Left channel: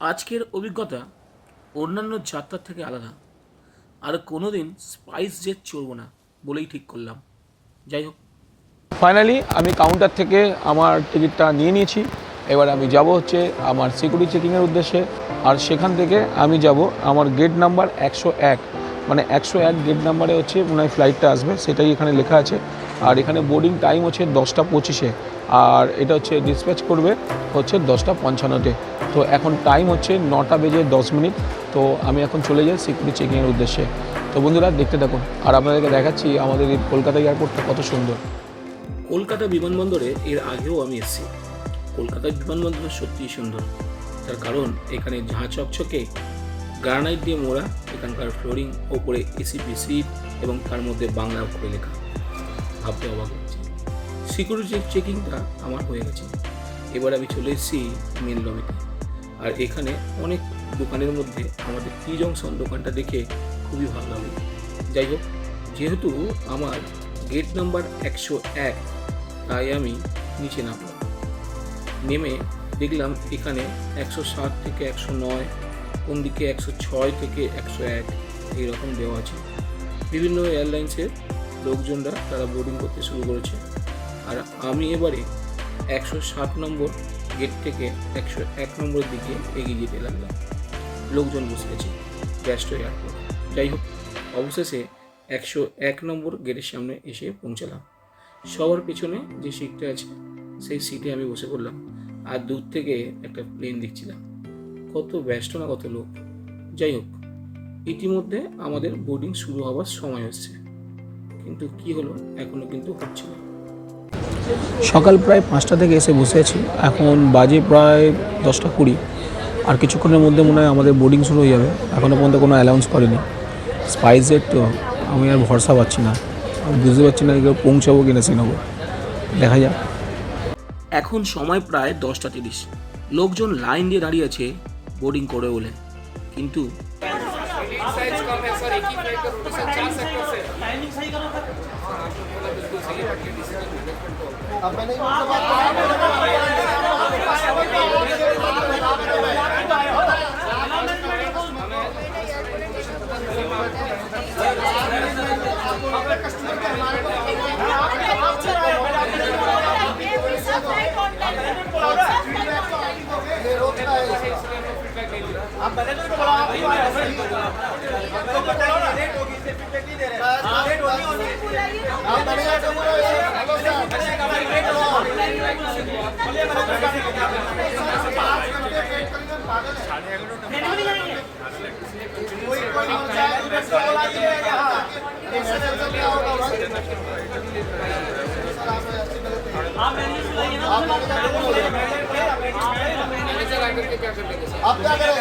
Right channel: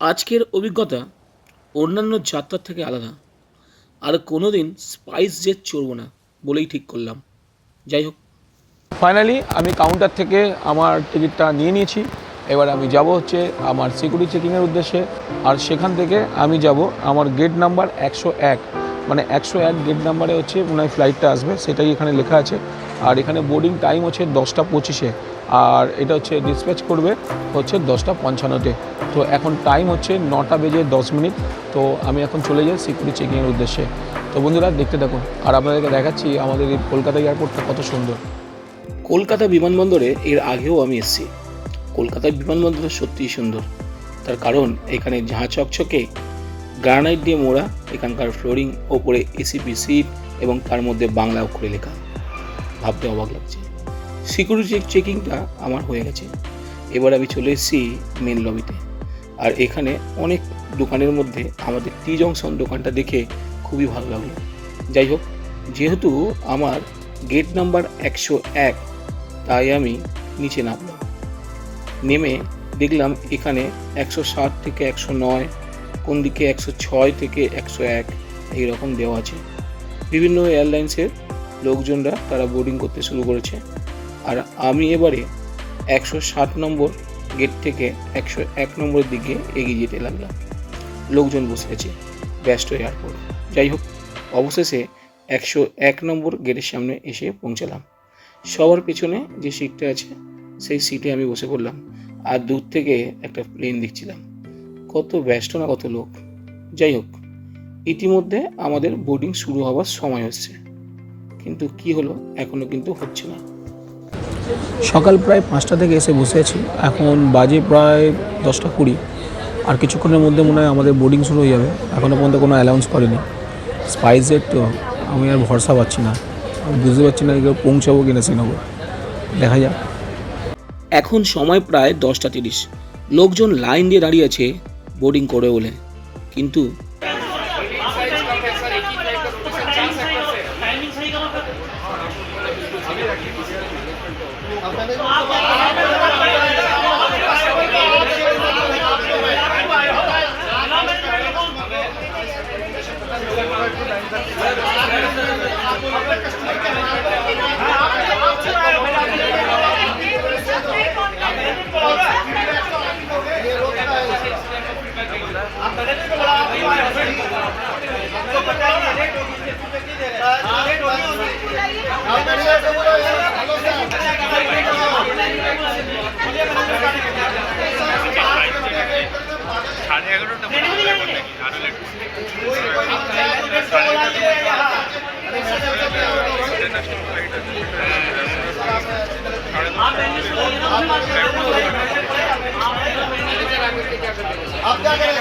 আজকের অভিজ্ঞতা অন্যান্য যাত্রার থেকে আলাদা। আর কোনো দিন স্পাইস জেট চড়বো না বলেই ঠিক করলাম। যাই হোক। ফাইনালি আমি কাউন্টার থেকে আমার টিকিটটা নিয়ে নিয়েছি। এবার আমি যাব হচ্ছে আমার সিকিউরিটি চেকিংয়ের উদ্দেশ্যে। আর সেখান থেকে আমি যাব আমার গেট নাম্বার একশো এক। মানে একশো এক গেট নাম্বারে হচ্ছে মনে হয় ফ্লাইটটা আসবে, সেটাই এখানে লেখা আছে। আর এখানে বোর্ডিং টাইম হচ্ছে দশটা পঁচিশে। আর এটা হচ্ছে ডিসপ্যাচ করবে হচ্ছে দশটা পঞ্চান্নতে। তো এখন টাইম হচ্ছে নটা বেজে দশ মিনিট। তো আমি এখন চলে যাই সিকিউরিটি চেকিংয়ের উদ্দেশ্যে। তো বন্ধুরা, দেখতে থাকুন। আর আপনাদেরকে দেখাচ্ছি আমাদের এই কলকাতা এয়ারপোর্টটা কত সুন্দর। কলকাতা বিমানবন্দরে এর আগেও আমি এসেছি। কলকাতার বিমানবন্দর সত্যিই সুন্দর। তার কারণ, এখানে ঝাঁ চকচকে গ্রানাইট দিয়ে মোড়া, এখানকার ফ্লোরিং, ওপরে এসিপি সিট এবং তার মধ্যে বাংলা অক্ষরে লেখা। ভাবতে অবাক লাগছে। সিকিউরিটি চেকিংটা আমার হয়ে গেছে। এবার আমি চলে এসেছি মেন লবিতে আর এখানে অনেক দোকানের মধ্যে আমাদের টি জংশন দোকানটা দেখে খুবই ভালো লাগল যাই হোক, যেহেতু আমার গেট নাম্বার একশো এক, তাই আমি নিচে নামলাম। নেমে দেখলাম এখানে একশো সাত থেকে একশো নয়, কোন দিকে একশো ছয় থেকে একশো এক, এইরকম দেওয়া আছে। বিভিন্ন এয়ারলাইন্সের লোকজনরা তারা বোর্ডিং করতে শুরু করেছে। আর আমি এবারে একশো সাত নম্বর গেট থেকে একশো এক নম্বরের দিকে এগিয়ে যেতে লাগলাম। লোকজন বসে আছে, ব্যস্ত এয়ারপোর্ট যাই হোক, অবশেষে একশো এক নম্বর গেটের সামনে এসে পৌঁছালাম। সবার পেছনে যে সিটটা আছে, সেই সিটে আমি বসে পড়লাম আর দূর থেকে একটা প্লেন দেখছিলাম। কত ব্যস্ত না কত লোক। যাই হোক, ইতিমধ্যে আমাদের বোর্ডিং শুরু হওয়ার সময় হচ্ছে। কিন্তু কি হলো, এখনও কিন্তু হচ্ছে না। সকাল প্রায় পাঁচটা থেকে এসে বসে আছি। এখন বাজে প্রায় দশটা কুড়ি। আর কিছুক্ষণের মধ্যে মনে হয় আমাদের বোর্ডিং শুরু হয়ে যাবে। এখনও পর্যন্ত কোনো অ্যালাউন্স করেনি। স্পাইসের তো আমি আর ভরসা পাচ্ছি না। বুঝতে পারছি না এগুলো পৌঁছাবো কিনা শ্রীনগর দেখা যাক। এখন সময় প্রায় দশটা তিরিশ। লোকজন লাইন দিয়ে দাঁড়িয়ে আছে বোর্ডিং করে বলে। কিন্তু Okay. সাড়ে এগারোটা आप क्या करेंगे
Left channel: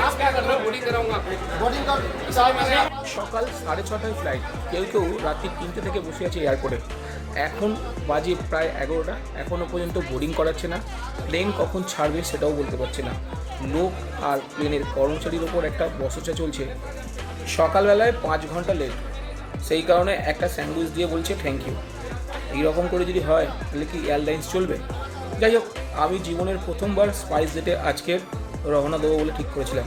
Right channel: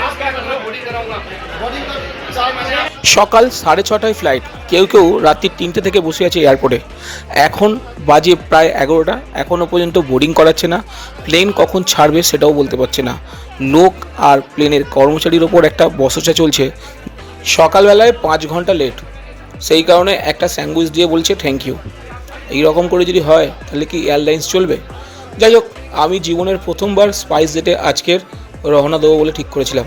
आप क्या करेंगे बॉडी कराऊँगा बॉडी कर चाय সকাল সাড়ে ছটায় ফ্লাইট কেউ কেউ রাত্রি তিনটে থেকে বসে আছে এয়ারপোর্টে এখন বাজে প্রায় এগারোটা। এখনও পর্যন্ত বোর্ডিং করাচ্ছে না। প্লেন কখন ছাড়বে সেটাও বলতে পারছে না। লোক আর প্লেনের কর্মচারীর ওপর একটা বসচা চলছে। সকালবেলায় পাঁচ ঘণ্টা লেট সেই কারণে একটা স্যান্ডউইচ দিয়ে বলছে থ্যাংক ইউ এই রকম করে যদি হয়, তাহলে কি এয়ারলাইন্স চলবে? যাই হোক, আমি জীবনের প্রথমবার স্পাইস জেটে আজকের রওনা দেবো বলে ঠিক করেছিলাম।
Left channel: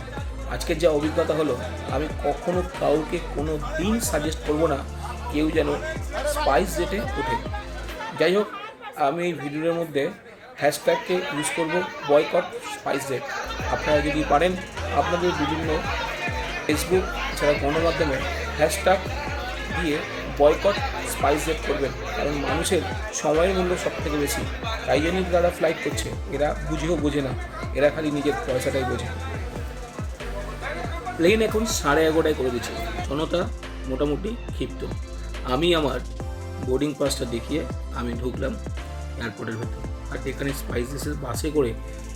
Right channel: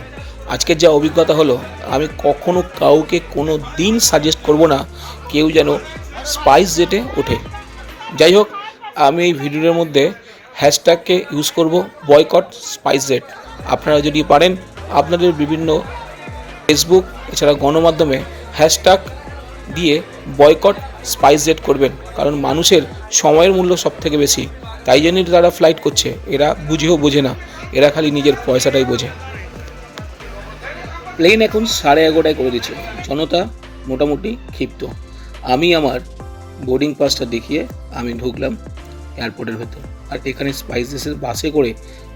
আজকের যা অভিজ্ঞতা হলো, আমি কখনো কাউকে কোনো দিন সাজেস্ট করব না কেউ যেন স্পাইস জেটে ওঠে। যাই হোক, আমি এই ভিডিওর মধ্যে হ্যাশট্যাগকে ইউজ করব বয়কট স্পাইস জেট আপনারা যদি পারেন, আপনাদের বিভিন্ন ফেসবুক এছাড়া গণমাধ্যমে হ্যাশট্যাগ দিয়ে বয়কট স্পাইস জেট করবেন, কারণ মানুষের সময়ের মূল্য সব থেকে বেশি। তাই জন্যই তারা ফ্লাইট করছে, এরা বুঝেও বোঝে না, এরা খালি নিজের পয়সাটাই বোঝে। প্লেন এখন সাড়ে এগারোটায় করে দিচ্ছে। জনতা মোটামুটি ক্ষিপ্ত। আমি আমার বোর্ডিং পাসটা দেখিয়ে আমি ঢুকলাম এয়ারপোর্টের ভেতর। আর এখানে স্পাইসেসের বাসে করে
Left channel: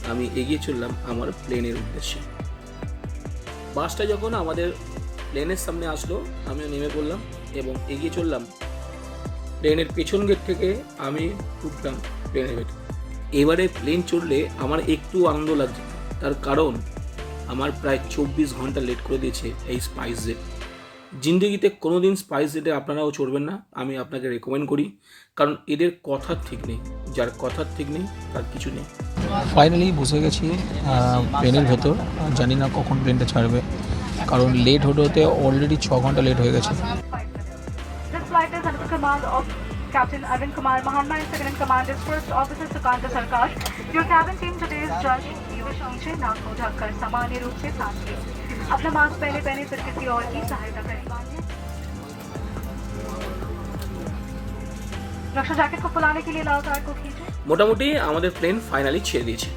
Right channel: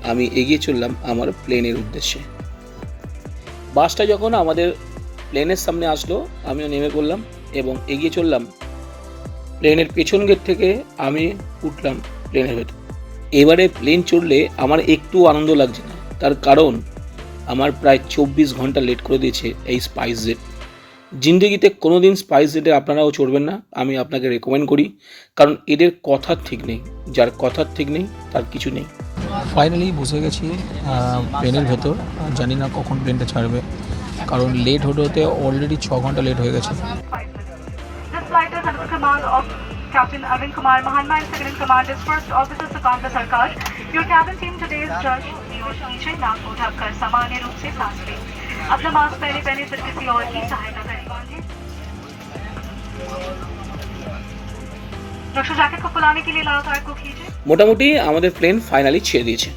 আমি এগিয়ে চললাম আমার প্লেনের উদ্দেশ্যে। বাসটা যখন আমাদের প্লেনের সামনে আসলো, আমিও নেমে পড়লাম এবং এগিয়ে চললাম। প্লেনের পেছন গেট থেকে আমি উঠলাম প্লেনের ভেতর। এবারে প্লেন চড়লে আমার একটু আনন্দ লাগছে না। তার কারণ আমার প্রায় চব্বিশ ঘণ্টা লেট করে দিয়েছে এই স্পাইস জেট জিন্দগিতে কোনো দিন স্পাইস জেটে আপনারাও চড়বেন না আমি আপনাকে রেকমেন্ড করি কারণ এদের কথার ঠিক নেই। যার কথার ঠিক নেই তার কিছু নেই। ফাইনালি বসে গেছি প্লেনের ভেতর। জানি না কখন প্লেনটা ছাড়বে কারণ লেট হতে হতে অলরেডি ছ ঘণ্টা লেট হয়ে গেছে। Captain Arvind Kumar Mahanma and second in command is First Officer Sukanta Sarkar. Your cabin team today is Judge Piyush नीचे नाक को ढककर सामान्य रूप से सांस लें अपना मास्क पहले पहने फिर किसी और की सहायता करें बांधिए रक्षा जैकेट को फुलाने के लिए लाल कार्ड को खींचे মোটামুটি আমাদের প্লেন ফাইনালি ছেড়ে দিয়েছে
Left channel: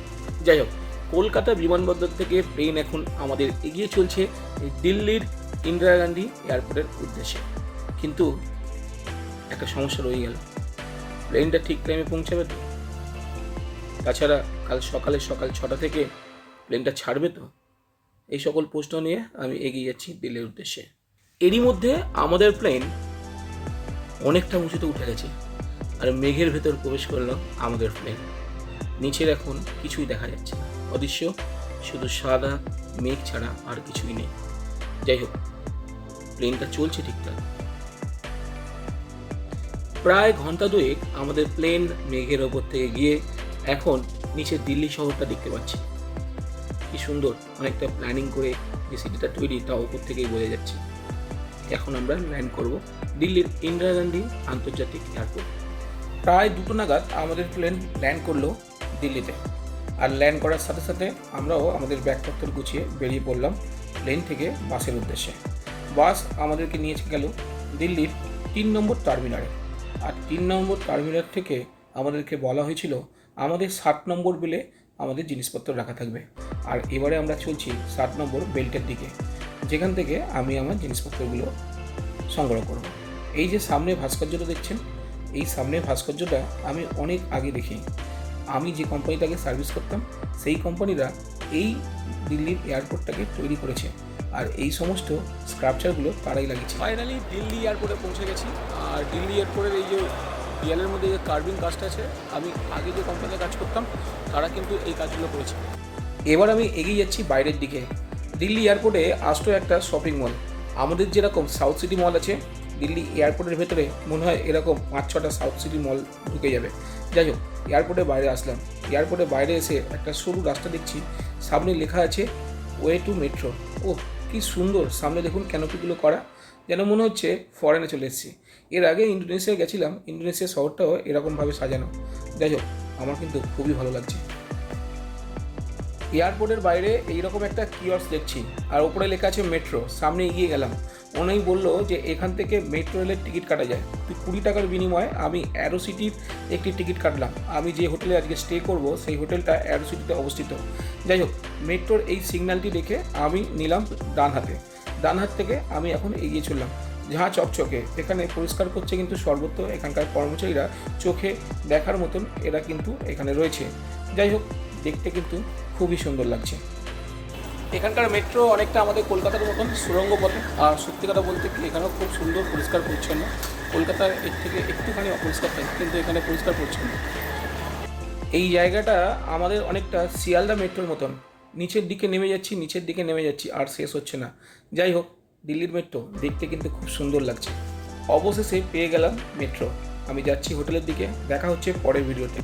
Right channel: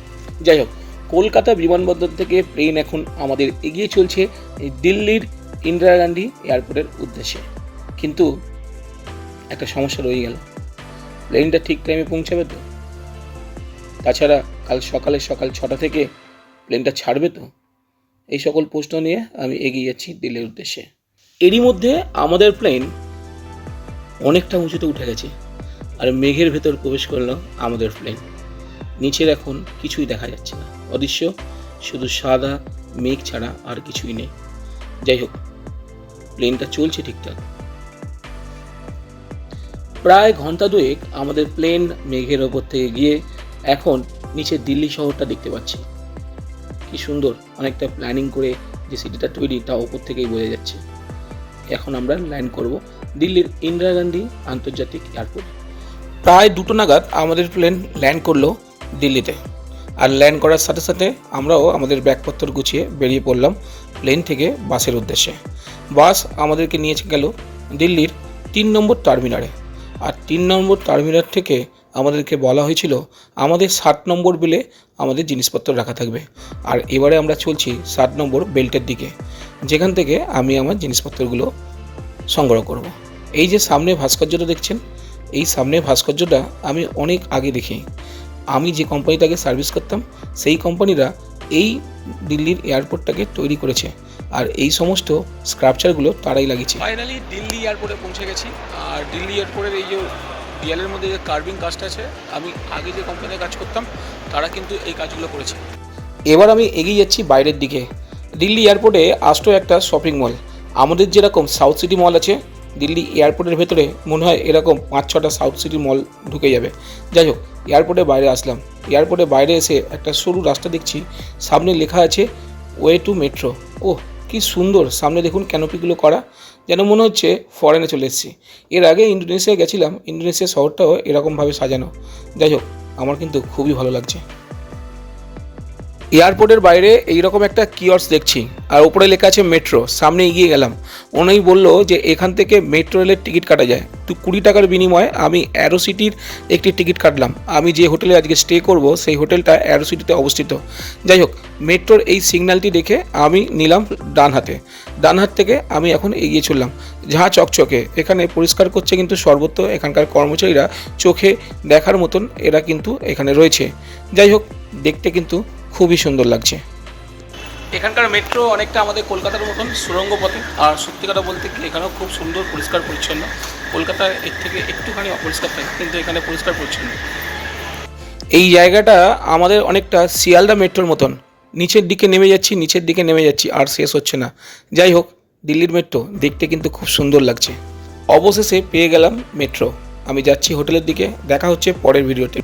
যাই হোক কলকাতা বিমানবন্দর থেকে প্লেন এখন আমাদের এগিয়ে চলছে এই দিল্লির ইন্দিরা গান্ধী এয়ারপোর্টের উদ্দেশ্যে কিন্তু একটা সমস্যা রয়ে গেল প্লেনটা ঠিক টাইমে পৌঁছাবে তো তাছাড়া কাল সকালে সকাল ছটা থেকে প্লেনটা ছাড়বে তো? এই সকল প্রশ্ন নিয়ে আমি এগিয়ে যাচ্ছি দিল্লির উদ্দেশ্যে। এরই মধ্যে আমাদের প্লেন অনেকটা উঁচুতে উঠে গেছে আর মেঘের ভেতর প্রবেশ করল আমাদের প্লেন নিচের এখন কিছুই দেখা যাচ্ছে না। অদৃশ্য, শুধু সাদা মেঘ ছাড়া আর কিছুই নেই। যাই হোক প্লেনটা চলছে ঠিকঠাক। প্রায় ঘণ্টা দুয়েক আমাদের প্লেন মেঘের ওপর থেকে গিয়ে এখন নিচে দিল্লি শহরটা দেখতে পাচ্ছি। কি সুন্দর, অনেকটা প্ল্যানিং করে যে সিটিটা তৈরি তা ওপর থেকেই বোঝা যাচ্ছে। এখন আমরা ল্যান্ড করব দিল্লির ইন্দিরা গান্ধী আন্তর্জাতিক এয়ারপোর্ট প্রায় দুটো নাগাদ আমাদের প্লেন ল্যান্ড করল দিল্লিতে। আর ল্যান্ড করার সাথে সাথে আমরাও আমাদের ব্যাগপত্র গুছিয়ে বেরিয়ে পড়লাম প্লেন থেকে বাসের উদ্দেশ্যে। বাস আমাদেরকে নিয়ে গেল দিল্লির তিন নম্বর টার্মিনালে আর তিন নম্বর টার্মিনাল থেকে আমাদেরকে বলা হয়েছিল, আমাদের ষাট নম্বর বেলে আমাদের জিনিসপত্র রাখা থাকবে। আর এবারে আমরা চলছি ষাট নম্বর বেল্টের দিকে, যেখান থেকে আমি আমার জিনিসপত্রগুলো সংগ্রহ করব। এই যে সামনে ভাস্কর্যটা দেখছেন, এই সামনে ভাস্কর্যটা আমি অনেক আগে দেখি। আমি যে কোম্পানিটাকে সার্ভিস করতাম, সেই কোম্পানিরা এই দিল্লির এয়ারপোর্টটাকে তৈরি করেছে। আর এই সমস্ত স্ক্রাপচারগুলো তারাই লাগিয়েছে। ফাইনালি দিল্লি এয়ারপোর্টে পৌঁছে গেছি। আর দিল্লি এয়ারপোর্টের এই যে দেয়ালের মধ্যে যে কার্ভিং কাজটা আছে, আমি আগে যে কোম্পানিতে কাজ করতাম, তারা কিন্তু এই কাজগুলো করেছে। এবার আমি এগিয়ে যাচ্ছি বাইরের দিকে। দিল্লি এয়ারপোর্টে আসতো একটা শপিং মল আমাদের যেরকম সাউথ সিটি মল আছে, দিল্লি এয়ারপোর্টের ভেতরে মনে হয় এরকম পাঁচ ছটা সাউথ সিটি মল ঢুকে যাবে। যাই হোক এয়ারপোর্টে বাইরে আসলাম। এয়ারপোর্টে বাইরে এসে একটা সরু রাস্তা দেখছি। সামনে লেখা আছে ওয়ে টু মেট্রো ও কি সুন্দর। সামনে দেখুন ক্যানোপিগুলো করা। যেন মনে হচ্ছে ফরেনে চলে এসেছি। এর আগে ইন্দোনেশিয়া গেছিলাম ইন্দোনেশিয়া শহরটাও এরকমভাবে সাজানো। যাই হোক, আমার কিন্তু খুবই ভালো লাগছে। এয়ারপোর্টের বাইরে এইরকম একটা কিয়র্স দেখছি। আর উপরে লেখা আছে মেট্রো, সামনে এগিয়ে গেলাম। উনি বলল যে এখান থেকে মেট্রো রেলের টিকিট কাটা যায়। তো কুড়ি টাকার বিনিময়ে আমি অ্যারো সিটির একটি টিকিট কাটলাম। আমি যে হোটেলে আজকে স্টে করব, সেই হোটেলটা অ্যারো সিটিতে অবস্থিত। যাই হোক, মেট্রোর এই সিগন্যালটি দেখে আমি নিলাম ডান হাতে। ডান হাত থেকে আমি এখন এগিয়ে চললাম যাহা চকচকে। এখানে পরিষ্কার করছে কিন্তু সর্বত্র এখানকার কর্মচারীরা, চোখে দেখার মতন এরা কিন্তু এখানে রয়েছে। যাই হোক, দেখতে কিন্তু খুবই সুন্দর লাগছে। এখানকার মেট্রো অনেকটা আমাদের কলকাতার মতন সুরঙ্গ পথে। আর সত্যি কথা বলতে কি এখানেও খুব সুন্দর পরিষ্কার পরিচ্ছন্ন। কলকাতার এর থেকে একটুখানি অপরিষ্কার থাকে কিন্তু এখানে পরিষ্কার পরিচ্ছন্ন। এই জায়গাটা আমাদের অনেকটা শিয়ালদা মেট্রোর মতন। নিচের দিকে নেমে যাচ্ছি নিচের দিকে নেমে যাচ্ছি আর শেষ হচ্ছে না। যাই হোক দিল্লির মেট্রো দেখতে কিন্তু খুব সুন্দর লাগছে। অবশেষে পেয়ে গেলাম মেট্রো আমি যাচ্ছি হোটেলের দিকে দেখা হচ্ছে পরের ভিডিওতে